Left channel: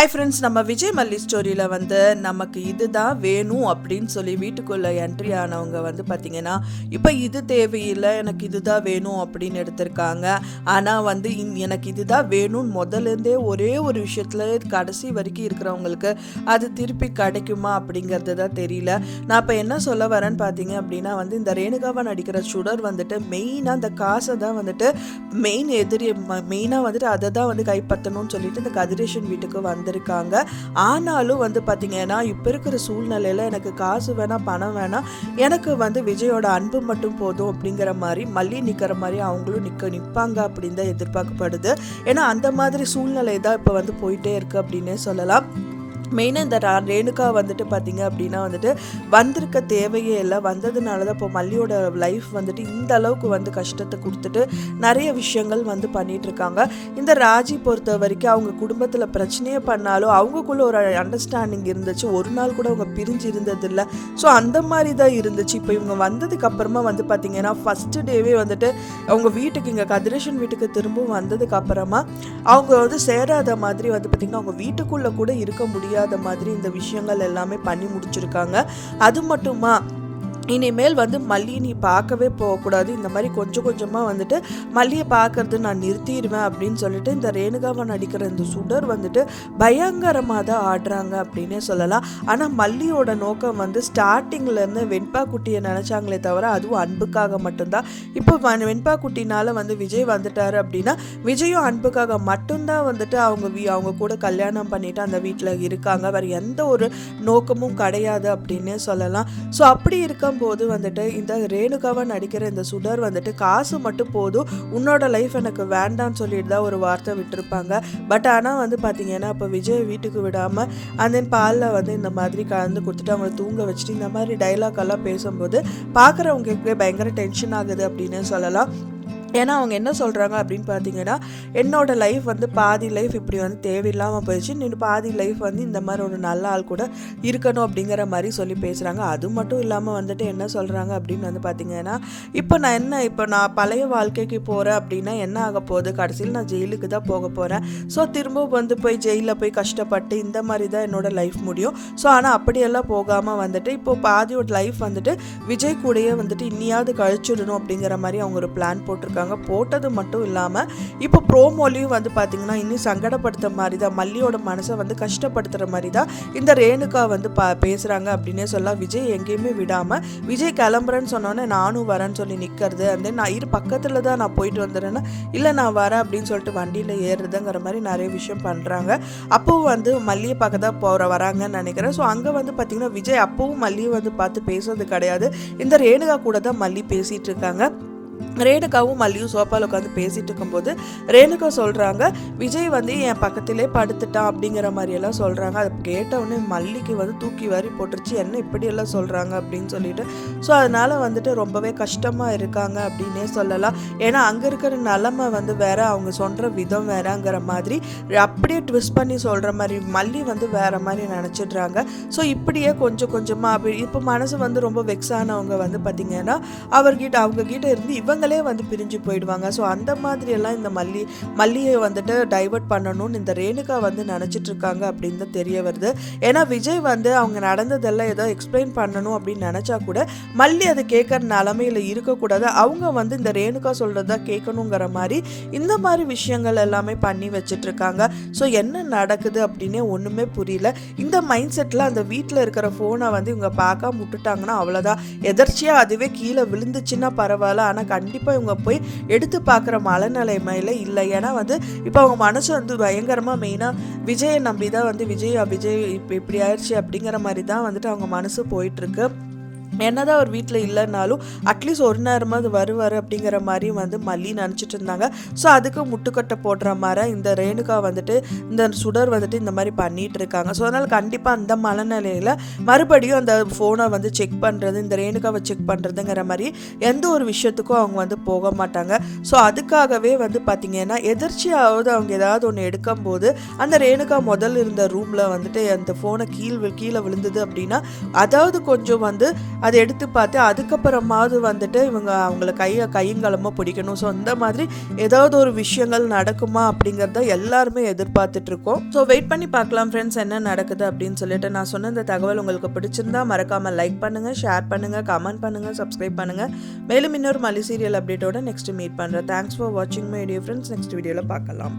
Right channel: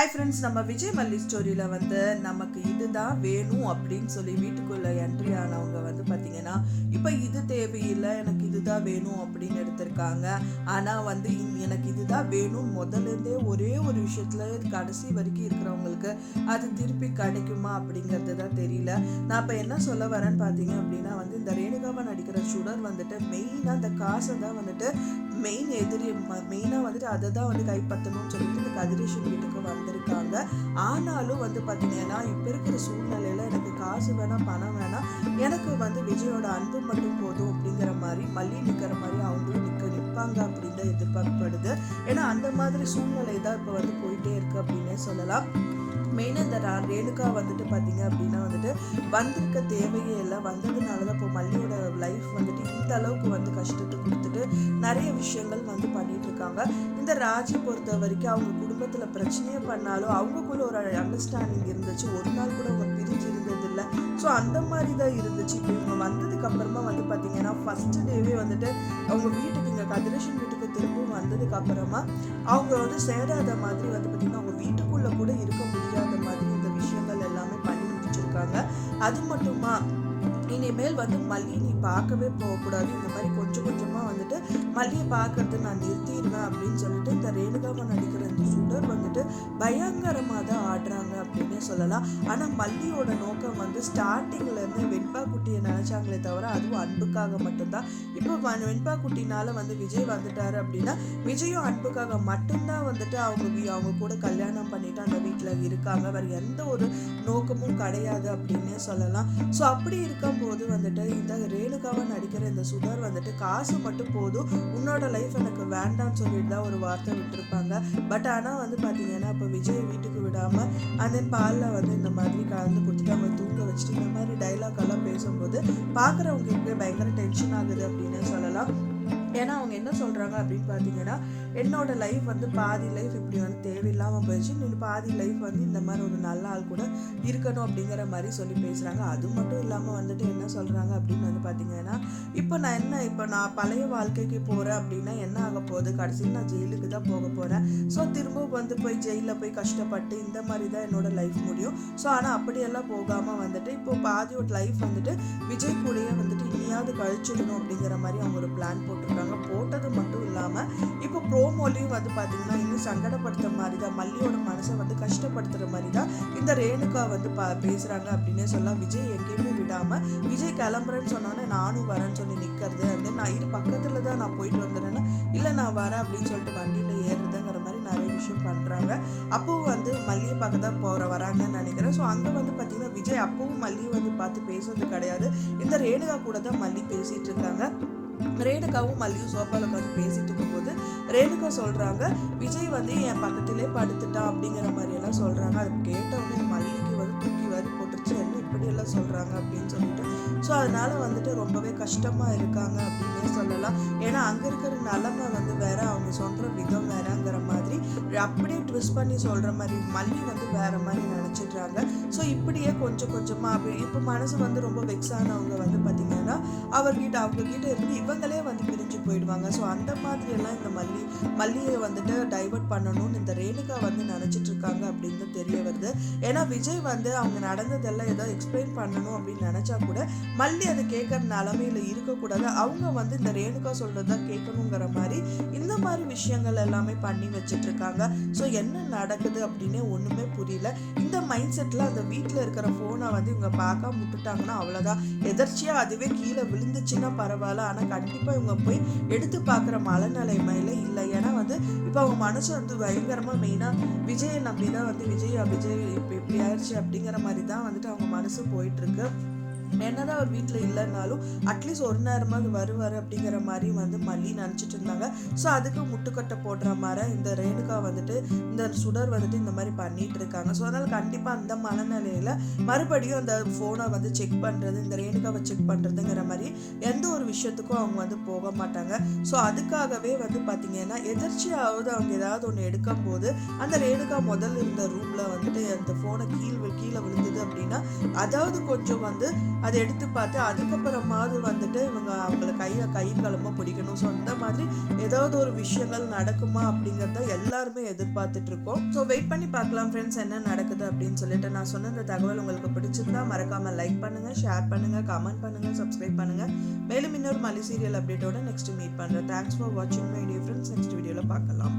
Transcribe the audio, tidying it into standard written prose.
Hi friends, நம்ம விஜய் மல்லி ஸ்டோரியில் நமக்கு இதுதான் வேணும் அப்படின்னு சொல்லி வீட்டுக்குள்ளே என்ட்ரி ஆனவங்க பார்த்திங்கன்னா, இப்போ இது தேவையில்லை, எனக்கு இதுதான் வேணும் அப்படின்னு எடுத்திருக்காங்க. ஆனால் எனக்கு இதுதான் வேணும்னு முதலேருந்தே ஒரே ஒரு விஷயத்தில் கடைசி வரைக்கும் இருக்கிறவங்களுக்கு அது திருப்பி கிடைக்குமா அப்படிங்கிறது தான் தெரியல. நான் இப்போ என்ன சொல்ல வரேன்னு பார்த்தீங்க அப்படின்னா இந்த ரேணுகாவை நடிக்கிற சுடர் மெயினாக அந்த காசை தான் மெயின் எதிரி, மெயினாக அதை தான் கைப்பற்றணும்னு சொல்லிட்டு இந்த கதிரேஷன் வீட்டுக்கு வந்திருக்காங்க. ஆனாலும் பார்த்தீங்கன்னா இப்போ இருக்கிற சூழ்நிலையில் எனக்கு காசு வேணாம், பணம் வேணாம், எனக்கு விஜயோட அன்பு மட்டும் போதும் அப்படிங்கிற மாதிரி மல்லி நிற்கிற மாதிரி அவங்களும் நிற்பாங்க அப்படின்னு தான் எதிர்பார்க்கப்படுது. ஏன்னா அந்த மாதிரி சூழ்நிலை தான் இப்போ போயிட்டே இருக்கு அப்படின்னே சொல்லலாம். மெயினாக இந்த ரேணுகா பார்த்தீங்க அப்படின்னா வந்திருக்க தேவையே இல்லை, வந்ததுனால தான் இப்போ மல்லியோட லைஃப் இந்த அளவுக்கு கஷ்டத்தை கொடுத்துட்டு நிறைய விஷயங்கள் பண்ணிட்டு இருக்காங்க. இந்த ராஜி பொறுத்த வரைக்கும் அவங்க குடும்பத்தில் பிரச்சனையே பண்ணாலும் அவங்களுக்குள்ள ஒரு அண்டர்ஸ்டாண்டிங் இருந்துச்சு, ஒரு நாள் கூட அவங்க பிரிஞ்சு இருந்தது இல்லை. ஸோ அந்த மாதிரி தான் இருந்துச்சு. இப்போ இவங்க வந்ததுக்கு அப்புறமா பார்த்தீங்கன்னா ஃபஸ்ட்டு டேவே அவங்க வீட்டுக்கு, இங்கே கதிரேஷன் வீட்டுக்கு திரும்பவும் வந்ததுக்கு அப்புறமா அவங்க சேராத மாதிரி பார்த்தீங்கன்னா அவங்க வீட்டுக்குள்ளே கூட இருக்க முடியாது மாதிரி இந்த விஷயங்கள் எல்லாமே பண்ணி முடிச்சிருக்காங்க. அது மட்டுமா இனிமேல் மல்லி நீ பார்க்கவே போகக்கூடாது, இந்த மாதிரி கொஞ்சம் கொஞ்சமாக மல்லியை பார்க்கறது நான் நிறுத்திடுவேன் அப்படின்னு சொல்லிட்டு இந்த ரேணுகாவை நடிக்கிற இந்த சுடர் பயங்கரமாக தான் ஆடுறாங்க அப்படின்னே சொல்லலாம். ஆனால் மல்லியோட நோக்கம் ஸ்டார்டிங்லேருந்து வெண்பா குட்டியை நினச்சாங்களே தவிர அதுவும் அன்புக்காக மட்டும்தான். இப்போ வெண்பா குட்டினால விஜய் வந்துட்டாரு அப்படின்னா விஜயும் அன்புக்காக மட்டும்தான் அவங்க கூட கல்யாணம் பண்ணிட்டு அந்த வீட்டில் இருக்காங்க, வேறு எந்த ஒரு நோக்கமும் கிடையாது அப்படின்னே சொல்லலாம். ஸோ அப்படி இருக்கும் போது இந்த ரேணுகாவை நடிக்கிற இந்த சுடர் காசு மட்டும் போதும், உன்னோட லைஃப் எனக்கு வேண்டான்னு சொல்லிட்டு தான் ஒரு வார்த்தை விட்டுருப்பாங்க. பட் ஆனால் பார்த்தீங்கன்னா இப்போ விஜய் வீட்டுக்கு விடாமல் அந்த பாலில் இந்த மாதிரி கலந்து கொடுத்துட்டு அவங்க தூங்க வச்சுட்டு இந்த மாதிரி டைலாக் எல்லாம் பேசும்போது பார்க்குறவங்களுக்கு பயங்கர டென்ஷன் ஆகுது அப்படின்னு சொல்லலாம். ஏன்னா அவங்க என்ன சொல்கிறாங்க அப்படின்னு பார்த்தீங்கன்னா, என்னோட லைஃப் பாதி லைஃப் இப்படி தேவையில்லாமல் போயிடுச்சு, நீ பாதி லைஃப் இந்த மாதிரி ஒரு நல்ல ஆள் கூட இருக்கணும் அப்படிங்கிற மாதிரி சொல்லி பேசுகிறாங்க. அது மட்டும் இல்லாமல் என்ன சொல்கிறாங்க அப்படின்னு பார்த்தீங்கன்னா, இப்போ நான் பழைய வாழ்க்கைக்கு போகிறேன் அப்படின்னா என்ன ஆக போகுது, கடைசியில் நான் ஜெயிலுக்கு தான் போக போகிறேன். ஸோ திரும்ப போய் ஜெயிலில் போய் கஷ்டப்பட்டு இந்த மாதிரி தான் என்னோட லைஃப் முடியும். ஸோ ஆனால் அப்படியெல்லாம் போகாமல் இப்போ பாதியோட லைஃப் விஜய் கூடயே இன்னியாவது கழிச்சிடணும் அப்படிங்கிற மாதிரி அவங்க ஒரு பிளான் போட்டிருக்காங்க. போட்டது மட்டும் இல்லாமல் இப்போ ப்ரோமோலையும் பார்த்தீங்கன்னா இன்னும் சங்கடப்படுத்துற மாதிரி தான், மல்லியோட மனசை கஷ்டப்படுத்துகிற மாதிரி தான் இந்த ரேணுகா பேசுகிறாங்க அப்படின்னே சொல்லலாம். விஜய் எங்கேயுமே விடாமல் விஜய் கிளம்புறேன்னு சொன்னோன்னே நானும் வரேன்னு சொல்லி நிற்கிறது, அந்த நான் பக்கத்தில் தான் நான் போயிட்டு வந்துடுறேன்னா இல்லை நான் வரேன் அப்படின்னு சொல்லிட்டு வண்டியில் ஏறுறதுங்கிற மாதிரி நிறைய விஷயம் பண்ணுறாங்க. அப்போவும் மல்லியை பார்க்க தான் வராங்கன்னு நினைக்கிறேன். ஸோ அங்கே பார்த்தீங்கன்னா விஜய் அப்பவும் மல்லியை பார்த்து பேசுறது கிடையாது, இந்த ரேணுகா கூட தான் மல்லி பேசிகிட்டு இருக்காங்க. ரேணுகாவும் மல்லியும் சோப்பாவில் உட்காந்து பேசிட்டு இருக்கும்போது ரேணுகா சொல்கிறாங்க, விஜய் என் பக்கத்திலே படுத்துட்டான் அப்படிங்கிற மாதிரியெல்லாம் சொல்கிறாங்க. அதை கேட்டவுடனே மல்லிக்கு தூக்கி வாரி போட்டுருச்சு, என்ன இப்படியெல்லாம் சொல்கிறாங்க அப்படின்னு சொல்லிட்டு. ஸோ அதனால் ரொம்பவே கஷ்டமாக இருக்காங்க அப்படின்னே சொல்லலாம். ஏன்னா அங்கே இருக்கிற நிலமை வேற, அவங்க சொல்கிற விதம் வேறங்கிற மாதிரி அப்படியே ட்விஸ்ட் பண்ணி சொல்கிற மாதிரி மல்லி வேற மாதிரி நினச்சிடுறாங்க. ஸோ இப்படியே கொஞ்சம் கொஞ்சமாக இப்போ மனசு ரொம்ப வெக்ஸ் ஆனவங்க பார்த்திங்கன்னா அவங்கக்கிட்ட இருந்து இவங்களே பிரிஞ்சு போயிடுவாங்க. ஸோ அந்த மாதிரி எல்லாம் இந்த மல்லியை டைவர்ட் பண்ணணும்னு இந்த ரேணுகா நினச்சிட்டு இருக்காங்க அப்படின்னு தான் தெரிய வருது. ஏன்னா விஜய் அவங்க நடந்ததெல்லாம் ஏதோ எக்ஸ்பிளைன் பண்ணணும் அப்படின்னு நினச்சா கூட மல்லி அதை கேட்குற நிலமையில இருக்கக்கூடாது, அவங்க இந்த ரேணுகா சொல்கிறதா கேட்கணுங்கிற மாதிரி இந்த மாதிரி விஷயங்கள் எல்லாமே பண்ணி வச்சுட்டு இருக்காங்க. ஸோ என்ன நடக்குது அப்படின்னே ஒன்றுமே புரியல. இந்த மைண்ட் செட்டில் அந்த வீட்டில் இருக்கிற ஃபோனை இவங்க பார்க்க முட்டுட்டாங்கன்னா அவ்வளோதான், எதர்ச்சியாக அதுவே கீழே விழுந்துச்சுன்னா பரவாயில்ல, ஆனால் கண்டிப்பாக இவங்க போய் எடுத்து பார்க்குற மனநிலைமையில் இல்லை. ஏன்னா இப்போ அவங்க மனசு பயங்கரமாக மெயினாக விஜயை நம்பி தான் விஜய் இப்போ இப்படி ஆயிடுச்சு அப்படிங்கிற மாதிரி தான் அவங்க மனசு போயிட்டுருக்கு. என்னதான் அவர் வீட்டில் இல்லைன்னாலும் அட்லீஸ்ட் ஒரு நேரமாக வருவார் அப்படிங்கிற மாதிரி மல்லி நினச்சிட்டு இருந்தாங்க. ஸோ அதுக்கு முட்டுக்கட்டை போடுற மாதிரி இந்த ரேணுகா இந்த சுடர் இந்த மாதிரி பண்ணிட்டு இருக்காங்க. ஸோ அதனால் கண்டிப்பாக அந்த மனநிலையில் மறுபடியும் அந்த ஃபோனை செக் பண்ணுறது, இந்த ரேணுகாவை செக் பண்ணுறதுங்கிற மாதிரி எந்த ஒரு விஷயத்துக்கும் அவங்க போக மாட்டாங்க. ஸோ அதுக்காகவே பார்த்திங்கன்னா எதிர்ச்சியாவது அவங்க ஏதாவது ஒன்று எடுக்கும் போது அந்த ரேணுகா முதல் இருந்த ரூமில் அந்த ஃபோனை கீழே விழுந்தது அப்படின்னா அதாவது கொஞ்சம் அதை எடுத்து பார்த்து அதுக்கப்புறமாவது வந்துட்டு இவங்க அவங்கள கையங்காலமாக பிடிக்கணும். ஸோ அந்த மாதிரி ஏதாவது ஒரு விஷயங்கள் நடக்குமா அப்படிங்கிறத எல்லாருமே எதிர்பார்த்துட்டு இருக்கோம். ஸோ வெயிட் பண்ணி பார்க்கலாம் ஃப்ரெண்ட்ஸ் என்ன நடக்குது அப்படின்னு சொல்லிட்டு. நான் சொன்ன இந்த தகவல் உங்களுக்கு பிடிச்சிருந்தா மறக்காமல் லைக் பண்ணுங்கள், ஷேர் பண்ணுங்கள், கமெண்ட் பண்ணுங்கள், சப்ஸ்கிரைப் பண்ணுங்கள். மேலும் இன்னொரு மல்லி சீரியல் அப்டேட்டோட நெக்ஸ்ட் மீட் பண்ணுறேன். தேங்க்ஸ் ஃபார் வாட்சிங் மை டியர் ஃப்ரெண்ட்ஸ். நெக்ஸ்ட் வீடியோவில் பார்க்கலாம்.